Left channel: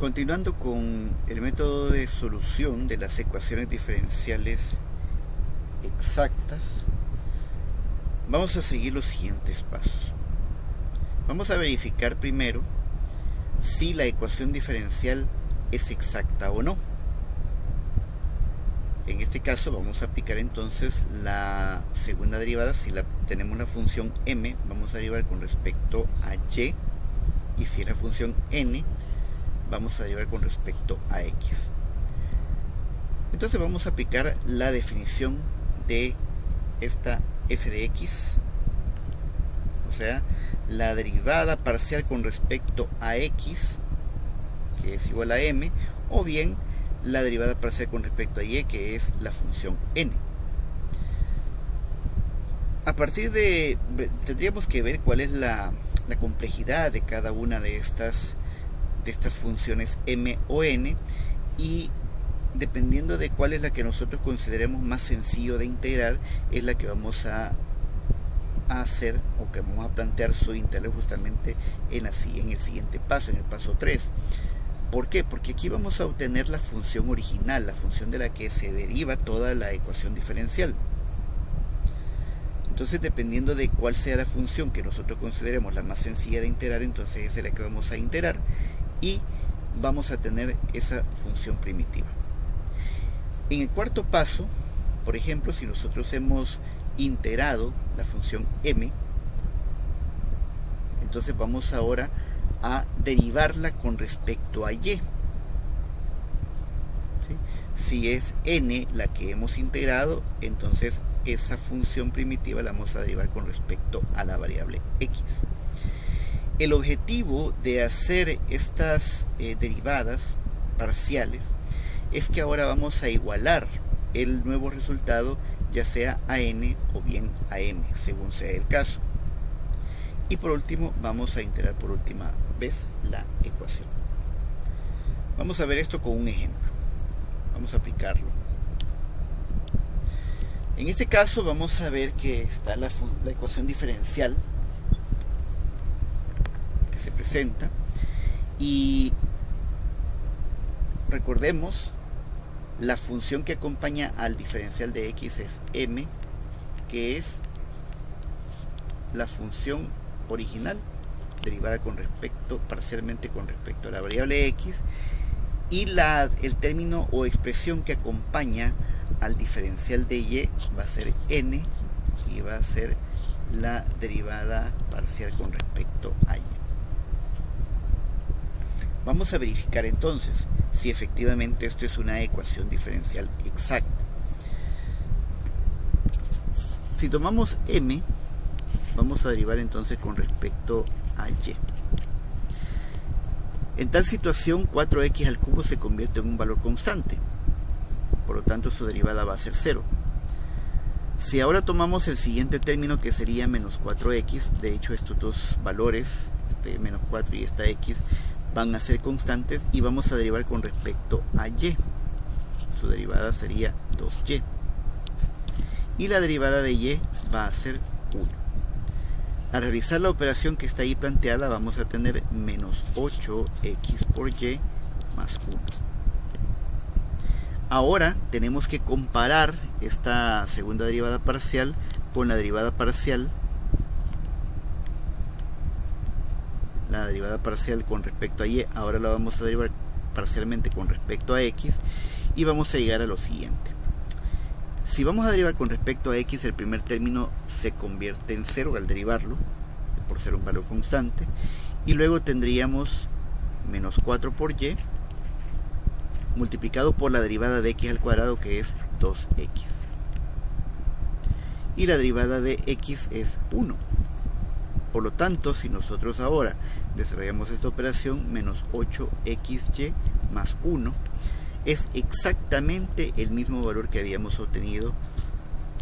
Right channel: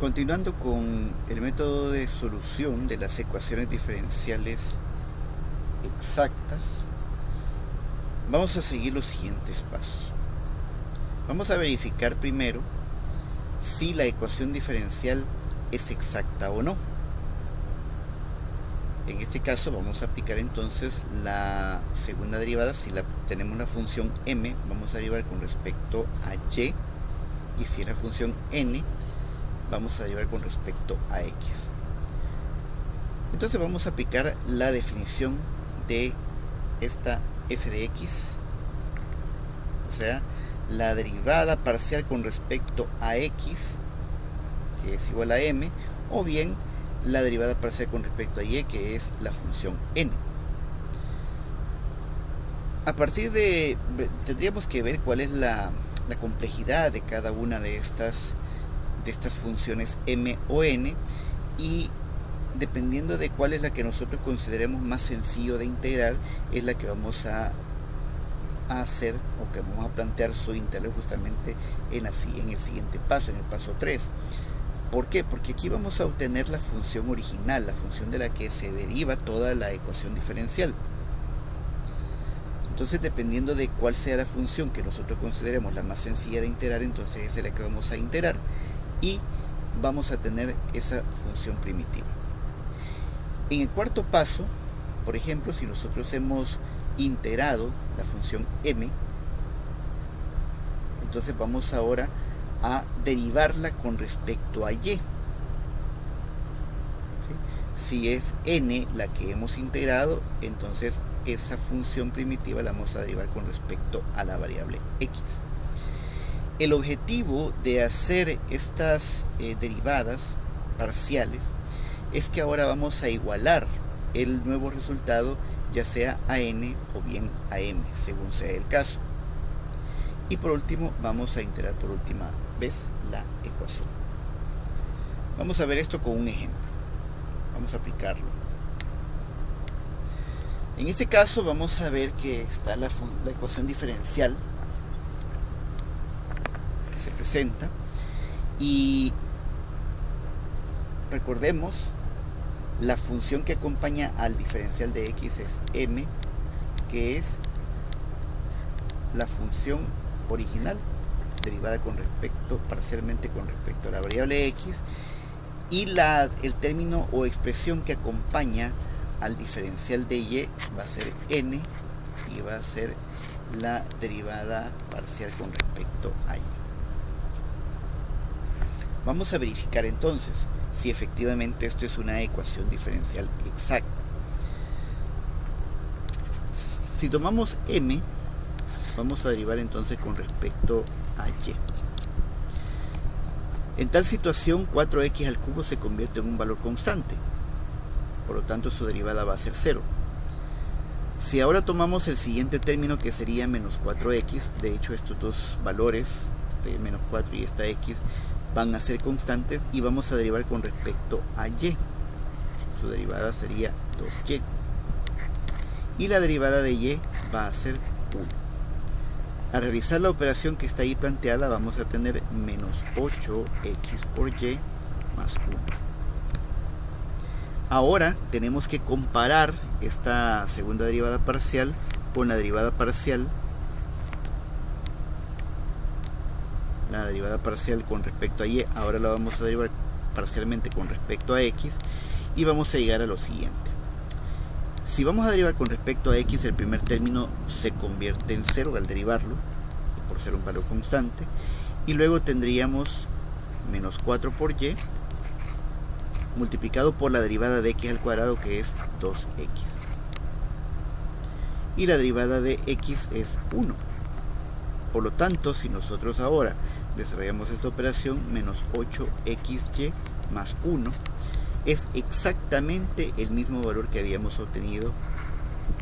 Continuando con el método de solución de las ecuaciones diferenciales exactas, vamos a seguir los siguientes pasos. Vamos a verificar primero si la ecuación diferencial es exacta o no. En este caso vamos a aplicar entonces la segunda derivada. Si tenemos la función m, vamos a derivar con respecto a y, y si es la función n, vamos a derivar con respecto a x. Entonces vamos a aplicar la definición de esta f de x, o sea, la derivada parcial con respecto a x, que es igual a m, o bien la derivada parcial con respecto a y, que es la función n. A partir de, tendríamos que ver cuál es la complejidad de cada una de estas funciones m o n, y dependiendo de cuál es la que nosotros consideremos más sencillo de integrar, es la que vamos a hacer, o que vamos a plantear su integral justamente en el siguiente paso, en el paso 3. ¿Por qué? Porque aquí vamos a obtener la función original, la función de la que se deriva toda la ecuación diferencial. Entonces, dependiendo de cuál sea la función que nosotros consideremos la más sencilla de integrar, entonces esa es la que vamos a integrar y vamos a tener esa función primitiva. En el cuarto paso, por ejemplo, si nosotros hemos integrado la función m, entonces vamos ahora a derivarla con respecto a y. ¿Sí? Si es n la que hemos integrado, entonces esa función primitiva la vamos a derivar con respecto a la variable x. El objetivo de hacer estas derivadas parciales es que ahora vamos a igualar el nuevo resultado, ya sea a n o bien a m, según sea el caso. Y por último vamos a integrar por última vez la ecuación. Vamos a ver esto con un ejemplo. Vamos a aplicarlo. En este caso vamos a ver que está la ecuación diferencial que se presenta, y recordemos, la función que acompaña al diferencial de x es m, que es la función original derivada parcialmente con respecto a la variable x, y el término o expresión que acompaña al diferencial de y va a ser n, y va a ser la derivada parcial con respecto a y. Vamos a verificar entonces si efectivamente esto es una ecuación diferencial exacta. Si tomamos m, vamos a derivar entonces con respecto a y. En tal situación, 4x al cubo se convierte en un valor constante, por lo tanto su derivada va a ser 0. Si ahora tomamos el siguiente término, que sería menos 4x, de hecho estos dos valores, este menos 4 y esta x, van a ser constantes, y vamos a derivar con respecto a y. Su derivada sería 2y. Y la derivada de y va a ser 1. Al realizar la operación que está ahí planteada, vamos a tener menos 8x por y más 1. Ahora tenemos que comparar esta segunda derivada parcial con la derivada parcial. La derivada parcial con respecto a y, ahora la vamos a derivar parcialmente con respecto a x, y vamos a llegar a lo siguiente. Si vamos a derivar con respecto a x, el primer término se convierte en 0 al derivarlo, por ser un valor constante, y luego tendríamos menos 4 por y multiplicado por la derivada de x al cuadrado, que es 2x, y la derivada de x es 1. Por lo tanto, si nosotros ahora desarrollamos esta operación, menos 8xy más 1 es exactamente el mismo valor que habíamos obtenido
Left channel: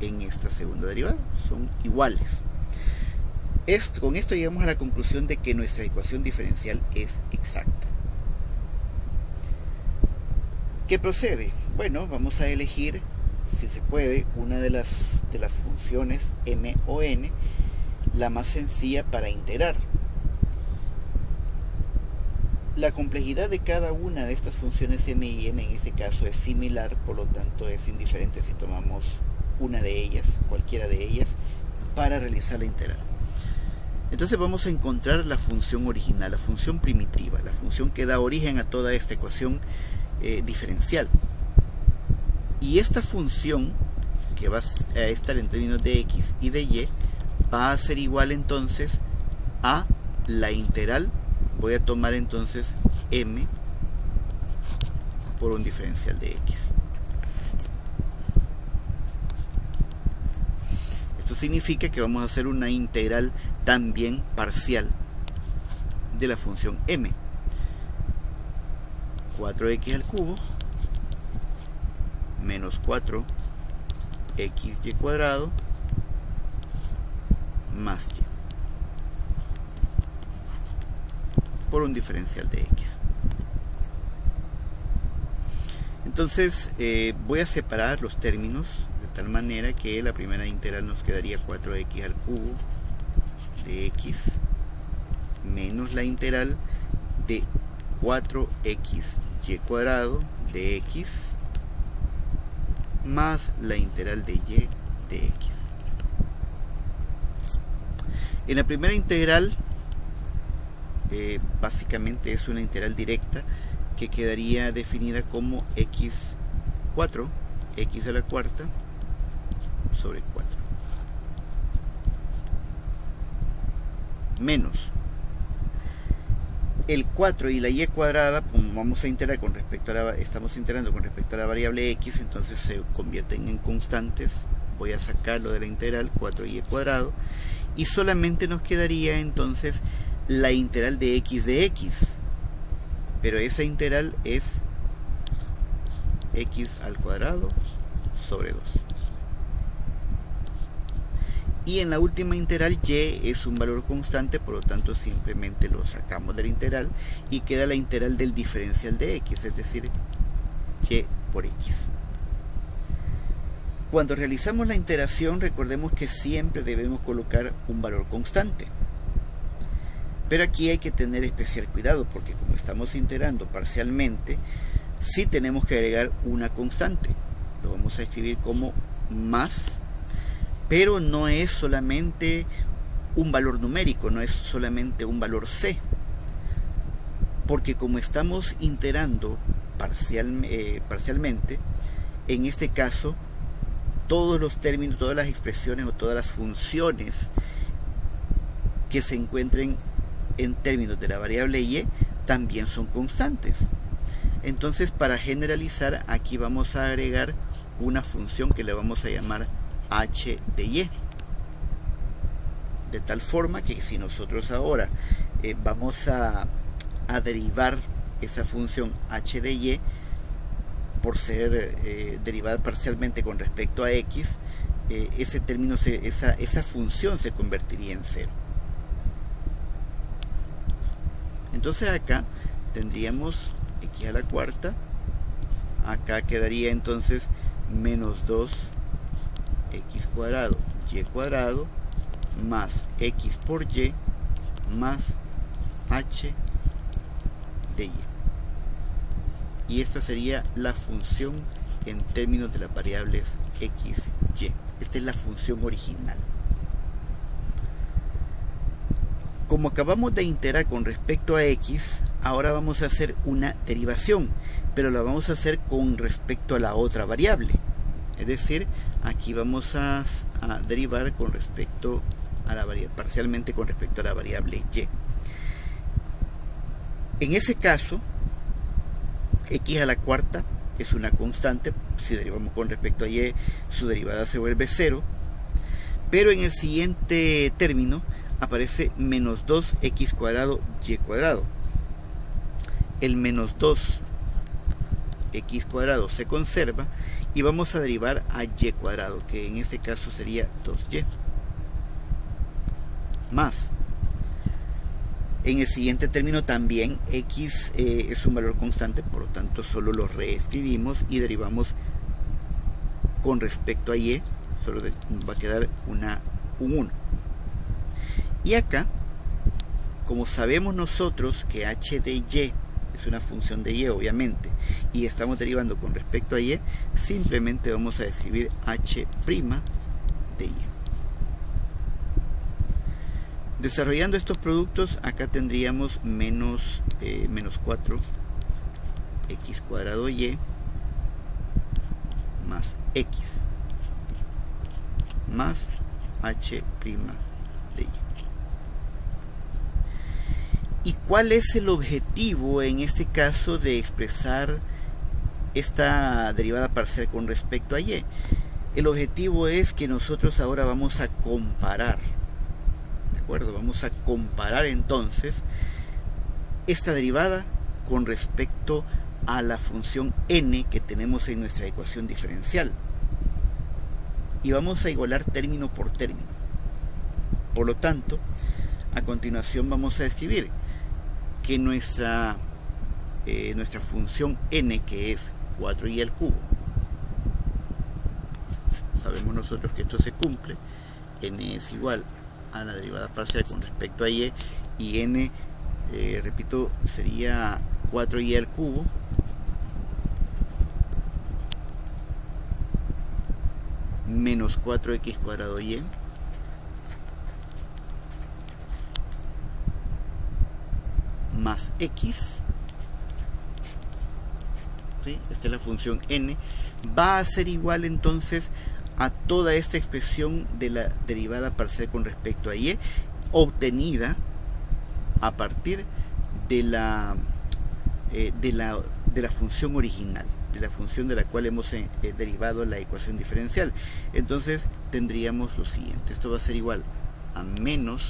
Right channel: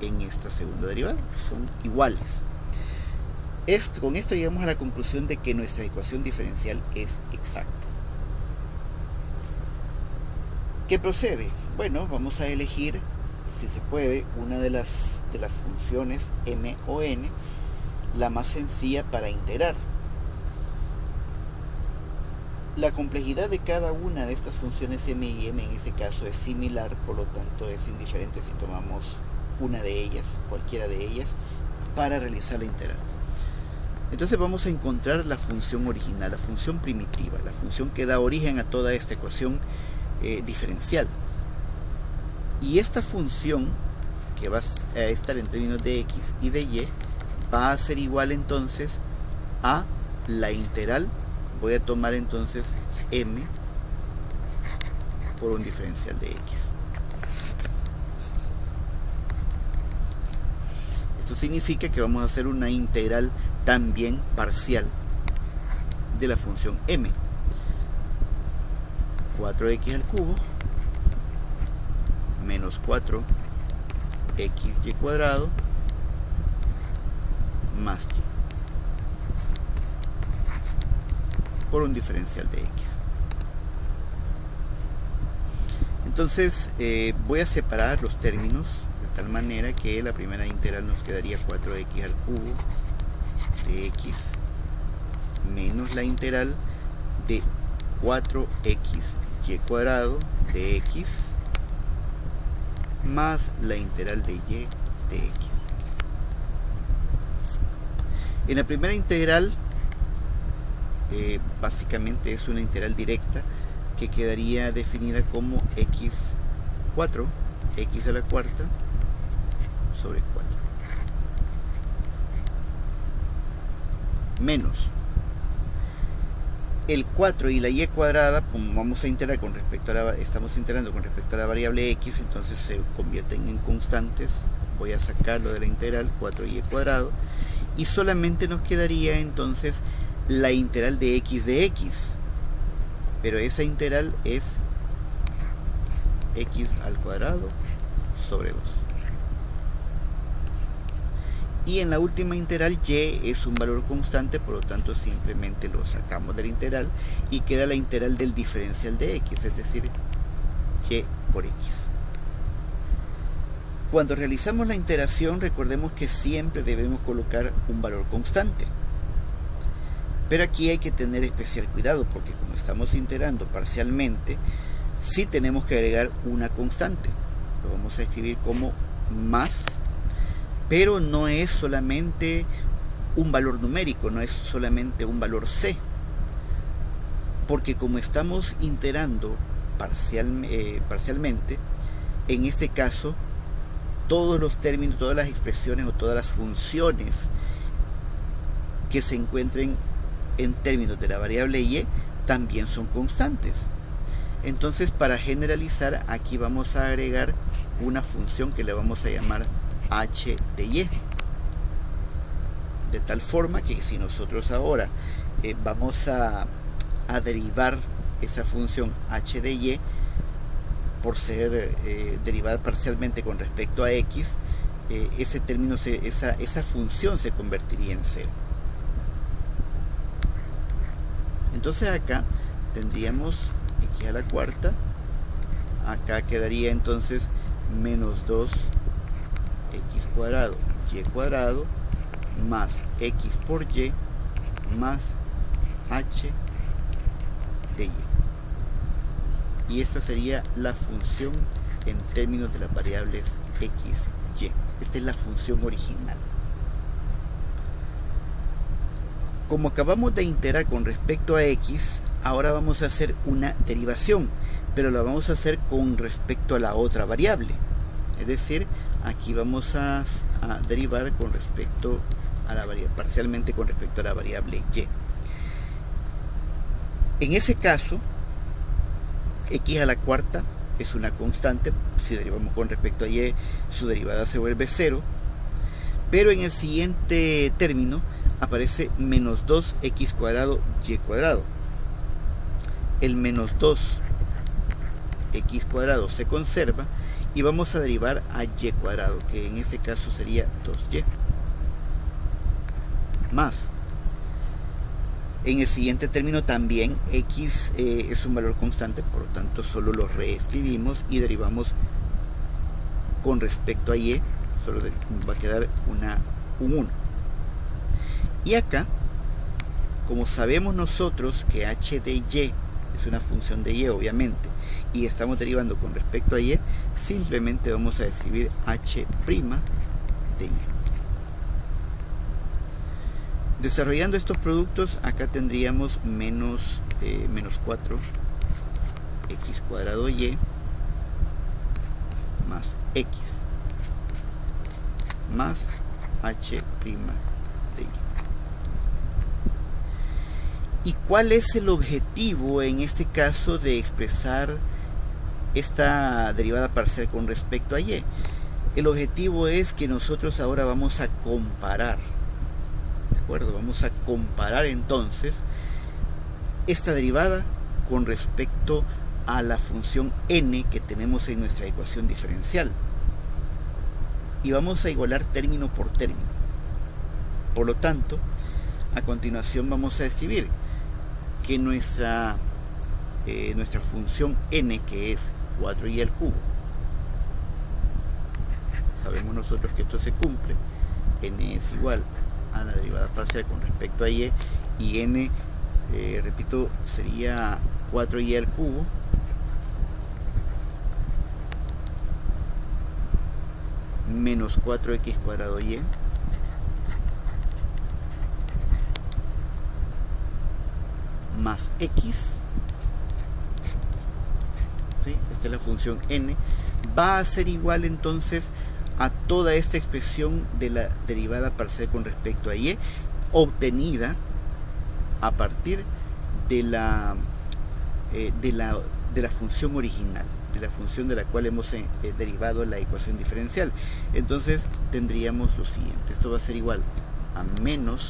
en esta segunda derivada, son iguales. Con esto llegamos a la conclusión de que nuestra ecuación diferencial es exacta. ¿Qué procede? Bueno, vamos a elegir, si se puede, una de las funciones m o n, la más sencilla para integrar. La complejidad de cada una de estas funciones m y n en este caso es similar, por lo tanto es indiferente si tomamos una de ellas, cualquiera de ellas, para realizar la integral. Entonces vamos a encontrar la función original, la función primitiva, la función que da origen a toda esta ecuación diferencial. Y esta función, que va a estar en términos de x y de y, va a ser igual entonces a la integral. Voy a tomar entonces m por un diferencial de x. Esto significa que vamos a hacer una integral también parcial de la función m. 4x al cubo menos 4xy cuadrado más y por un diferencial de x. Entonces voy a separar los términos de tal manera que la primera integral nos quedaría 4x al cubo de x menos la integral de 4xy cuadrado de x más la integral de y de x. En la primera integral básicamente es una integral directa que quedaría definida como x4, x a la cuarta sobre 4 menos el 4 y la y cuadrada, como vamos a integrar con respecto a estamos integrando con respecto a la variable x, entonces se convierten en constantes. Voy a sacarlo de la integral 4y cuadrado y solamente nos quedaría entonces la integral de x, pero esa integral es x al cuadrado sobre 2. Y en la última integral y es un valor constante, por lo tanto simplemente lo sacamos de la integral y queda la integral del diferencial de x, es decir, y por x. Cuando realizamos la integración, recordemos que siempre debemos colocar un valor constante. Pero aquí hay que tener especial cuidado, porque como estamos integrando parcialmente, sí tenemos que agregar una constante. Lo vamos a escribir como más, pero no es solamente un valor numérico, no es solamente un valor c, porque como estamos integrando parcialmente, en este caso todos los términos, todas las expresiones o todas las funciones que se encuentren en términos de la variable y también son constantes. Entonces, para generalizar, aquí vamos a agregar una función que le vamos a llamar h de y, de tal forma que si nosotros ahora vamos a derivar esa función h de y por ser derivada parcialmente con respecto a x, ese término, esa función se convertiría en 0. Entonces acá tendríamos x a la cuarta, acá quedaría entonces menos 2x cuadrado y cuadrado más x por y más h de y. Y esta sería la función en términos de las variables x, y. Esta es la función original. Como acabamos de integrar con respecto a x, ahora vamos a hacer una derivación, pero la vamos a hacer con respecto a la otra variable. Es decir, aquí vamos a derivar con respecto a la variable, parcialmente con respecto a la variable y. En ese caso, x a la cuarta es una constante. Si derivamos con respecto a y, su derivada se vuelve 0. Pero en el siguiente término aparece menos 2x cuadrado y cuadrado. El menos 2x cuadrado se conserva y vamos a derivar a y cuadrado, que en este caso sería 2y. Más. En el siguiente término también x es un valor constante, por lo tanto solo lo reescribimos y derivamos con respecto a y, solo va a quedar un 1. Y acá, como sabemos nosotros que h de y es una función de y obviamente, y estamos derivando con respecto a y, simplemente vamos a escribir h' de y. Desarrollando estos productos, acá tendríamos menos 4x² y más x más h' de y. ¿Y cuál es el objetivo en este caso de expresar esta derivada parcial con respecto a y? El objetivo es que nosotros ahora vamos a comparar, ¿de acuerdo? Vamos a comparar entonces esta derivada con respecto a la función n que tenemos en nuestra ecuación diferencial. Y vamos a igualar término por término. Por lo tanto, a continuación vamos a escribir que nuestra función n, que es 4y al cubo, sabemos nosotros que esto se cumple, n es igual a la derivada parcial con respecto a y n, repito, sería 4y al cubo menos 4x² y más x, ¿sí? Esta es la función n, va a ser igual entonces a toda esta expresión de la derivada parcial con respecto a y, obtenida a partir de la función original, de la función de la cual hemos derivado la ecuación diferencial. Entonces tendríamos lo siguiente: esto va a ser igual a menos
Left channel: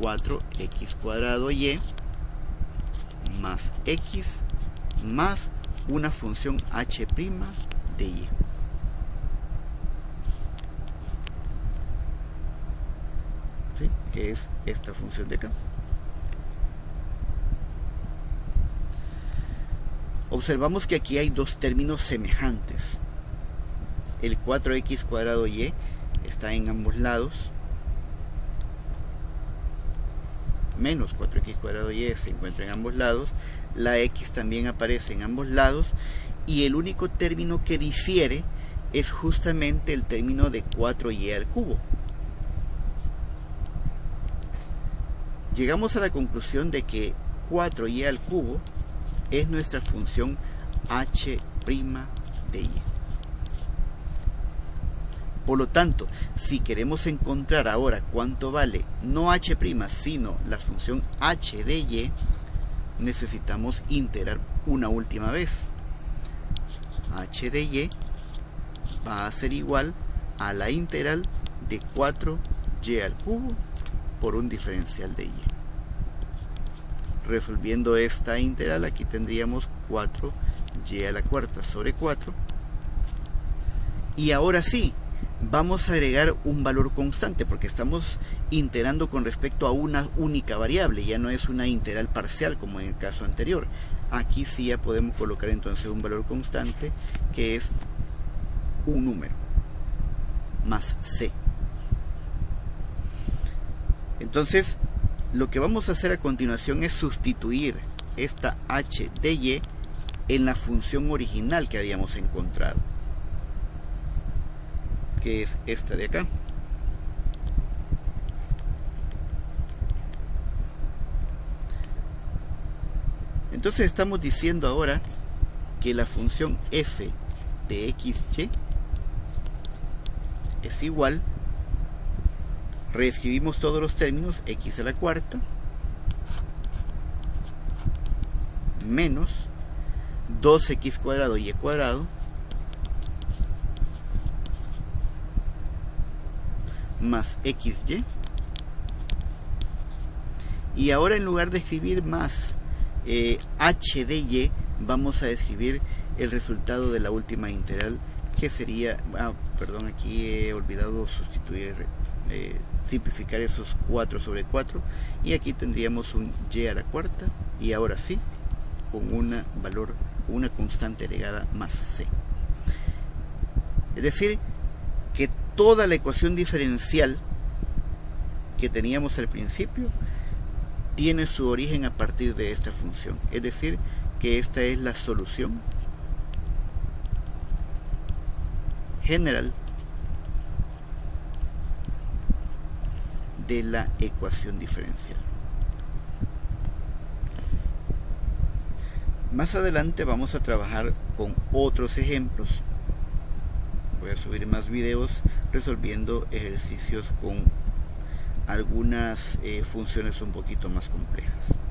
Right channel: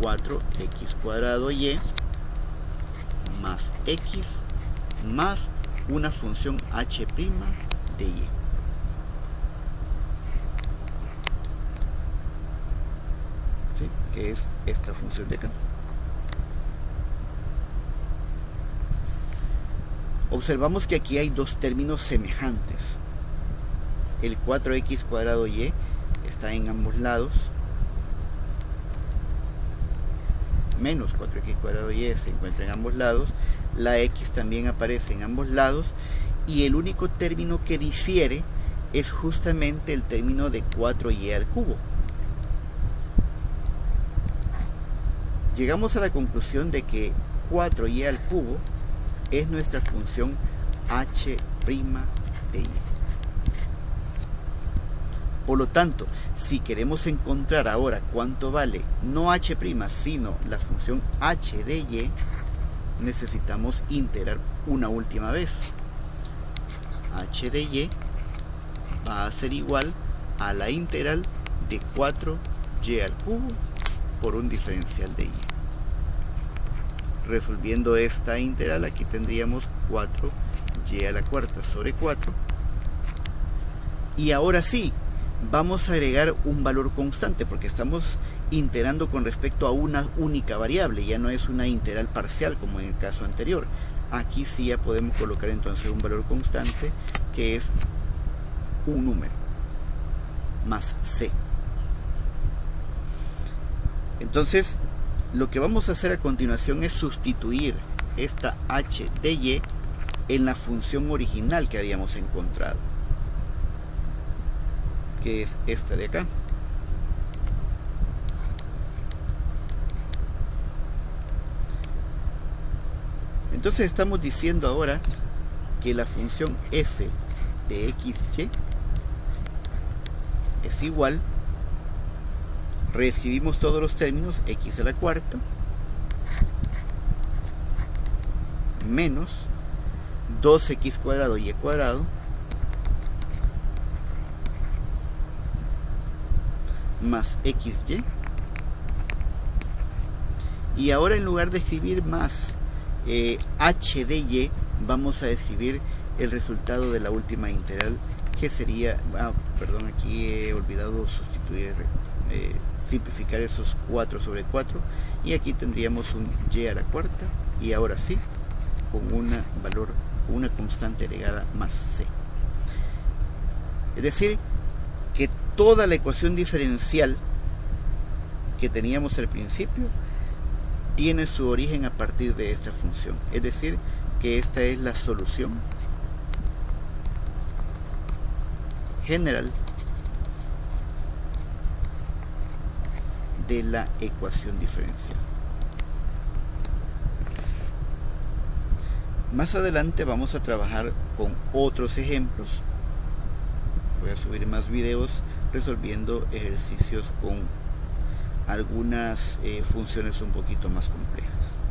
4x² y más x más una función h' de y. ¿Sí? Que es esta función de acá. Observamos que aquí hay dos términos semejantes. El 4x² y está en ambos lados. Menos 4x² y se encuentra en ambos lados. La x también aparece en ambos lados. Y el único término que difiere es justamente el término de 4y al cubo. Llegamos a la conclusión de que 4y al cubo es nuestra función h' de y. Por lo tanto, si queremos encontrar ahora cuánto vale no h', sino la función h de y, necesitamos integrar una última vez. H de y va a ser igual a la integral de 4y al cubo por un diferencial de y. Resolviendo esta integral, aquí tendríamos 4y a la cuarta sobre 4. Y ahora sí, vamos a agregar un valor constante, porque estamos integrando con respecto a una única variable, ya no es una integral parcial como en el caso anterior. Aquí sí ya podemos colocar entonces un valor constante, que es un número, más c. Entonces, lo que vamos a hacer a continuación es sustituir esta h de y en la función original que habíamos encontrado, que es esta de acá. Entonces estamos diciendo ahora que la función f de xy es igual, reescribimos todos los términos, x a la cuarta menos 2x² y cuadrado más xy, y ahora en lugar de escribir más h de y, vamos a escribir el resultado de la última integral, que sería, perdón, aquí he olvidado sustituir, simplificar esos 4 sobre 4, y aquí tendríamos un y a la cuarta, y ahora sí, con una constante agregada más c. Es decir, que toda la ecuación diferencial que teníamos al principio tiene su origen a partir de esta función, es decir, que esta es la solución general de la ecuación diferencial. Más adelante vamos a trabajar con otros ejemplos. Voy a subir más videos resolviendo ejercicios con algunas funciones un poquito más complejas.